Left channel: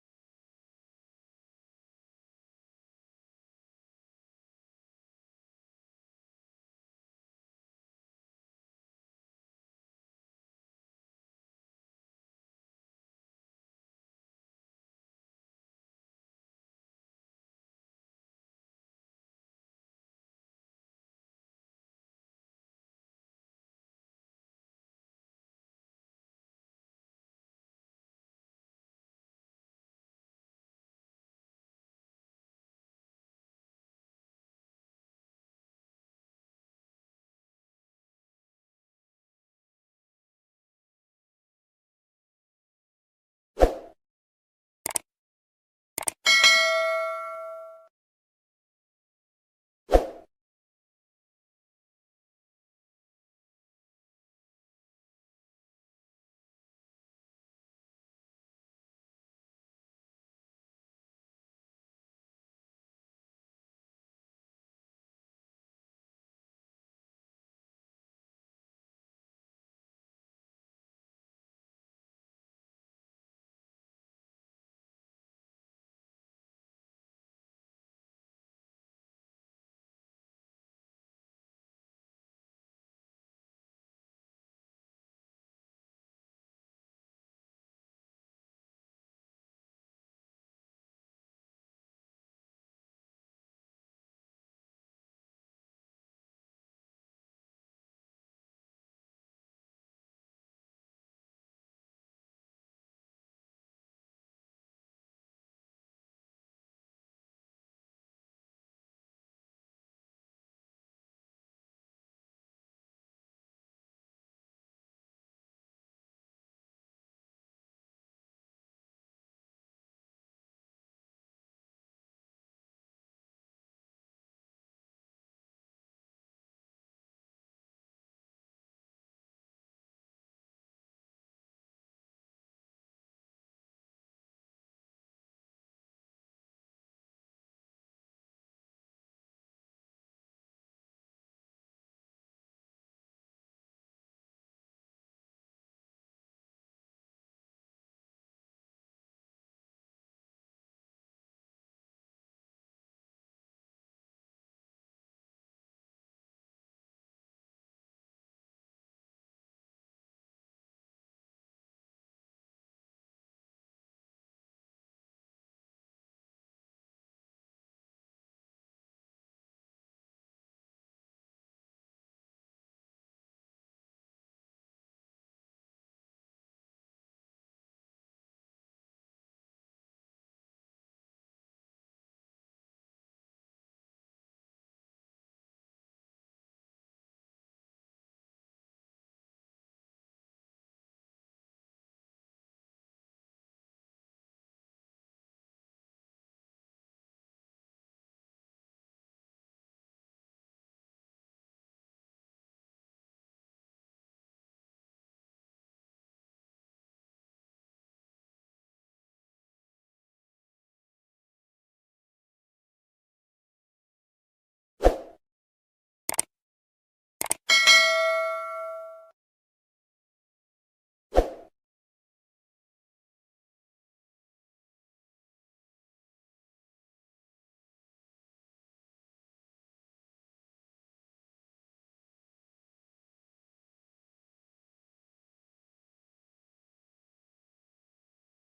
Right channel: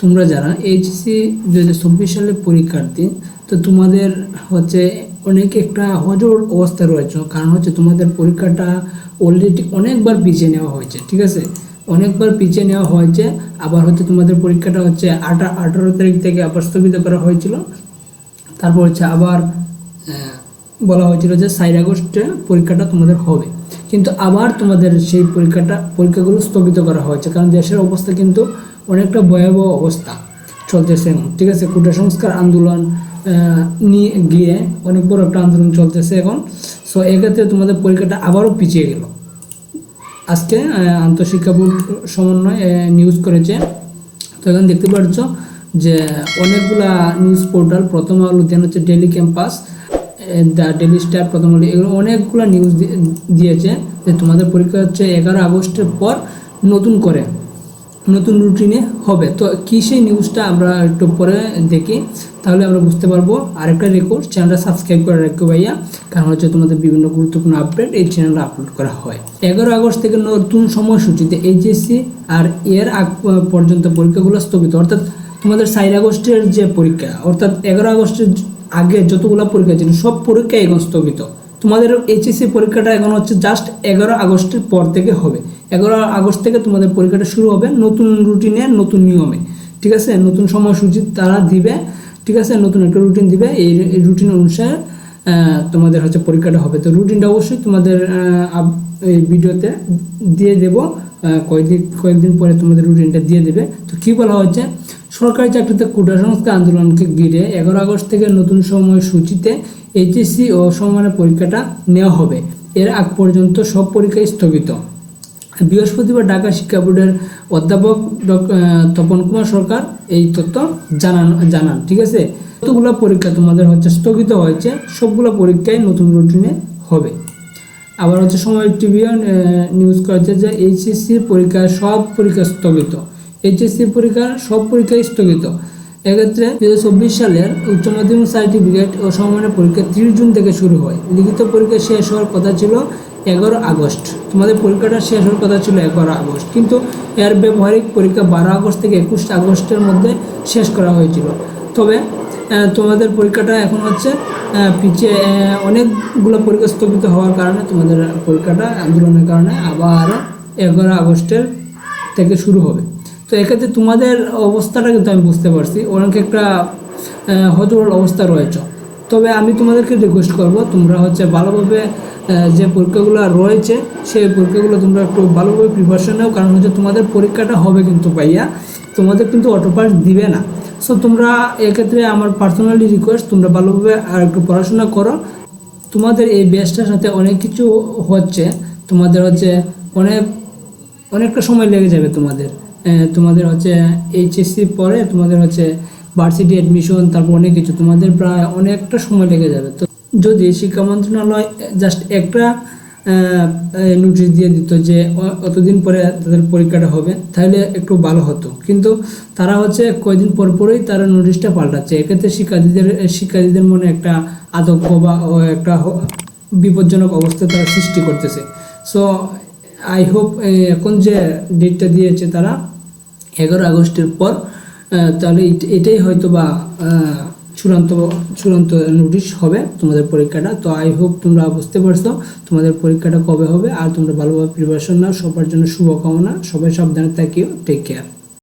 তোমরা যারা এইচএসসি দু হাজার সালের পরীক্ষার্থী, তো তোমাদের হচ্ছে অনেক একটা হজর অবস্থা রয়েছে। কারণ হচ্ছে তোমাদের পরীক্ষাটা অলরেডি অনেকবার পিছিয়ে নেওয়া হয়েছে, ঠিক আছে? অনেকবার পিছিয়ে নেওয়া হয়েছে, আবার হচ্ছে তোমাদের পরীক্ষাটা হচ্ছে আঠা আঠারো তারিখ থেকে আবার স্থগিত করা হয়েছিল। তারপর হচ্ছে আবার বলা হয়েছিল যে সাইড আগস্টে পরীক্ষাটা তোমাদের হবে। কিন্তু আবার তোমাদের সেই পরীক্ষাটা, পরীক্ষাগুলো স্থগিত করা হয়েছে। কারণ দেশের অবস্থা কিন্তু অনেকটা ভয়াবহ অবস্থা চলতেছে এখন। ঠিক আছে, কোটা সংস্কার আন্দোলন নিয়ে গিয়ে অনেক বড় একটা আন্দোলন চলতেছে এখন। সো এক্ষেত্রে তোমাদের পরীক্ষাটা আবারও পিছিয়ে গেল। আজকে আন্তঃশিক্ষা বোর্ড সমন্বয় নিউজ করেছে। তো এখন দেখতে পাচ্ছ যে অনেকগুলা নিউজ পোর্টাল প্রথম আলো দেন হচ্ছে Daily Campus The Daily Star Prothom Alo, এগুলো অনেকগুলো নিউজ দিয়েছে যে তোমাদের পরীক্ষা হচ্ছে এগারো আগস্টের পর নতুন করে। নতুন রুটিনে হবে। তো কি সেই নিউজটা আমরা একটু পরে দেখি। তাহলে আমরা বুঝতে পারব। আরেকটা রেকর্ড চ্যানেলটা সাবস্ক্রাইব করে রাখো ভাইয়া। কারণ হচ্ছে তোমাদের বিভিন্ন গুরুত্বপূর্ণ আপডেট এই চ্যানেলে আপলোড করা হয়। এগারো আগস্ট থেকে নতুন সময়সূচিতে এইচএসসি আর এর আগ পর্যন্ত পরীক্ষাগুলো স্থগিত। অর্থাৎ তোমাদের সাইড আগস্টের যে পরীক্ষা, অর্থাৎ এগারো আগস্টের আগে যতগুলো পরীক্ষা ছিল, সব পরীক্ষা এখন স্থগিত। তোমাদের এইচএসসি পরীক্ষাটা এখন হচ্ছে জাস্ট এগারো আগস্টের পর থেকে হবে। এগারো আগস্ট থেকে তোমাদের পরীক্ষাটা শুরু হবে, নতুন রুটিনে নতুন নিয়মে, ঠিক আছে? নতুন সময়সূচি তারা দিবে, ঠিক আছে? নতুন একটা রুটিন দিবে, এই রুটিন অনুসারে তোমাদের হচ্ছে পরীক্ষাটা হবে। তো রুটিনটা অবশ্যই তোমাদের এই ভিডিওতে দিয়ে দেব কয়েকদিন কয়েকদিন পরে তোমাদের রুটিনটা দিয়ে দেবে। তো কি বলা হচ্ছে সরকারি চাকরিতে কোটা সংস্কার আন্দোলনকে ঘিরে এগারো আগস্ট থেকে নতুন সময়সূচিতে এইচএসসি ও সমমানের পরীক্ষাটা নেওয়া হবে। এর আগ পর্যন্ত সব পরীক্ষাই স্থগিত। বৃহস্পতিবার ঢাকা শিক্ষা বোর্ডের অধ্যাপক তপন কুমার সরকার এই তথ্য জানান জানান, ঠিক আছে? কতগুলো পরীক্ষা তোমাদের হচ্ছে স্থগিত হয়েছে, সবগুলো পরীক্ষায় নতুন রুটিনে হবে। আবার হচ্ছে সময় টিভি নিউজ করেছে যে এইচএসসি পরীক্ষা সব পরীক্ষা স্থগিত। এইচএসসি পরীক্ষার সব পরীক্ষাই স্থগিত। এক্ষেত্রে দু হাজার চব্বিশ সালের উচ্চ মাধ্যমিক সার্টিফিকেট ও সমমানের পরীক্ষা তিরিশ জুন থেকে শুরু হয়। লিখিত পরীক্ষা শেষ হওয়ার কথা ছিল এগারো আগস্ট। তোমাদের পরীক্ষাটা শেষ হওয়ার কথা ছিল এগারো আগস্ট। কিন্তু এর ব্যবহারিক পরীক্ষা বারো আগস্ট থেকে একুশ আগস্টের মধ্যে শেষ করা হয়েছিল। তবে তোমাদের পরীক্ষাটা এখন হচ্ছে পিছিয়ে অনেকগুলো পরীক্ষা স্থগিত হওয়ার কারণে তোমাদের পরীক্ষাটা আন্দোলনের কারণে আবার এগারো আগস্টের থেকে শুরু হবে। তো এক্ষেত্রে তোমাদের অবস্থাটা কিন্তু আমি বুঝতে পারছি। অনেক একটা হজবল অবস্থা রয়েছে। তবে আমি তোমাদেরকে রিকোয়েস্ট করব, তোমরা হচ্ছে ভালোভাবে যে পরীক্ষাগুলো রয়েছে, সেই পরীক্ষাগুলো তোমরা একটু ভালোভাবে প্রিপারেশন নাও। কারণ হচ্ছে তোমাদের পরীক্ষাটা হবে কিন্তু পাইয়া তোমাদের কিন্তু অটো পাস দিবে না। সো তোমরা এক্ষেত্রে আমার পার্সোনালি রিকোয়েস্ট তোমরা ভালোভাবে আর একটু পড়াশোনা করো। তোমাদের এই ব্যাচটার সাথে অনেক কিছু হচ্ছে। তোমাদের হচ্ছে অনেক, অনেকটা সময় লেগে যাবে তোমাদের। তোমাদের হচ্ছে এইচএসসি পরে তোমাদের হচ্ছে ভার্সিটি অ্যাডমিশন তারপর অনেক কিছু। তোমাদের প্রায় অনেকটা সময় লেগে যাবে। তো যদি শিক্ষা মন্ত্রণালয় জাস্ট একটা নোটিশ দিয়ে দিত যে অতদিন পরে তাদের পরীক্ষাটা হবে, তাহলে একটু ভালো হতো। কিন্তু তারা হচ্ছে কয়েকদিন পর পরেই তারা নোটিশটা পাল্টাচ্ছে। এক্ষেত্রে শিক্ষার্থীদের শিক্ষার্থীদের মনে একটা আতঙ্ক বা একটা বিপজ্জনক অবস্থা তারা সৃষ্টি করতেছে। সো আই হোপ এখন যে ডেটটা দিয়েছে তারা এগারো আগস্টের পর তাহলে এটাই হয়তো বা চূড়ান্ত চূড়ান্ত নোটিশ হবে তোমাদের পরীক্ষাটা। তো আই হোপ তোমরা বুঝতে পারছ তোমাদের পরীক্ষাটা কবে হবে। আর তোমরা ভালোভাবে প্রিপারেশন নাও। সবার জন্য শুভকামনা। সবাই সাবধানে থাকিও। Take care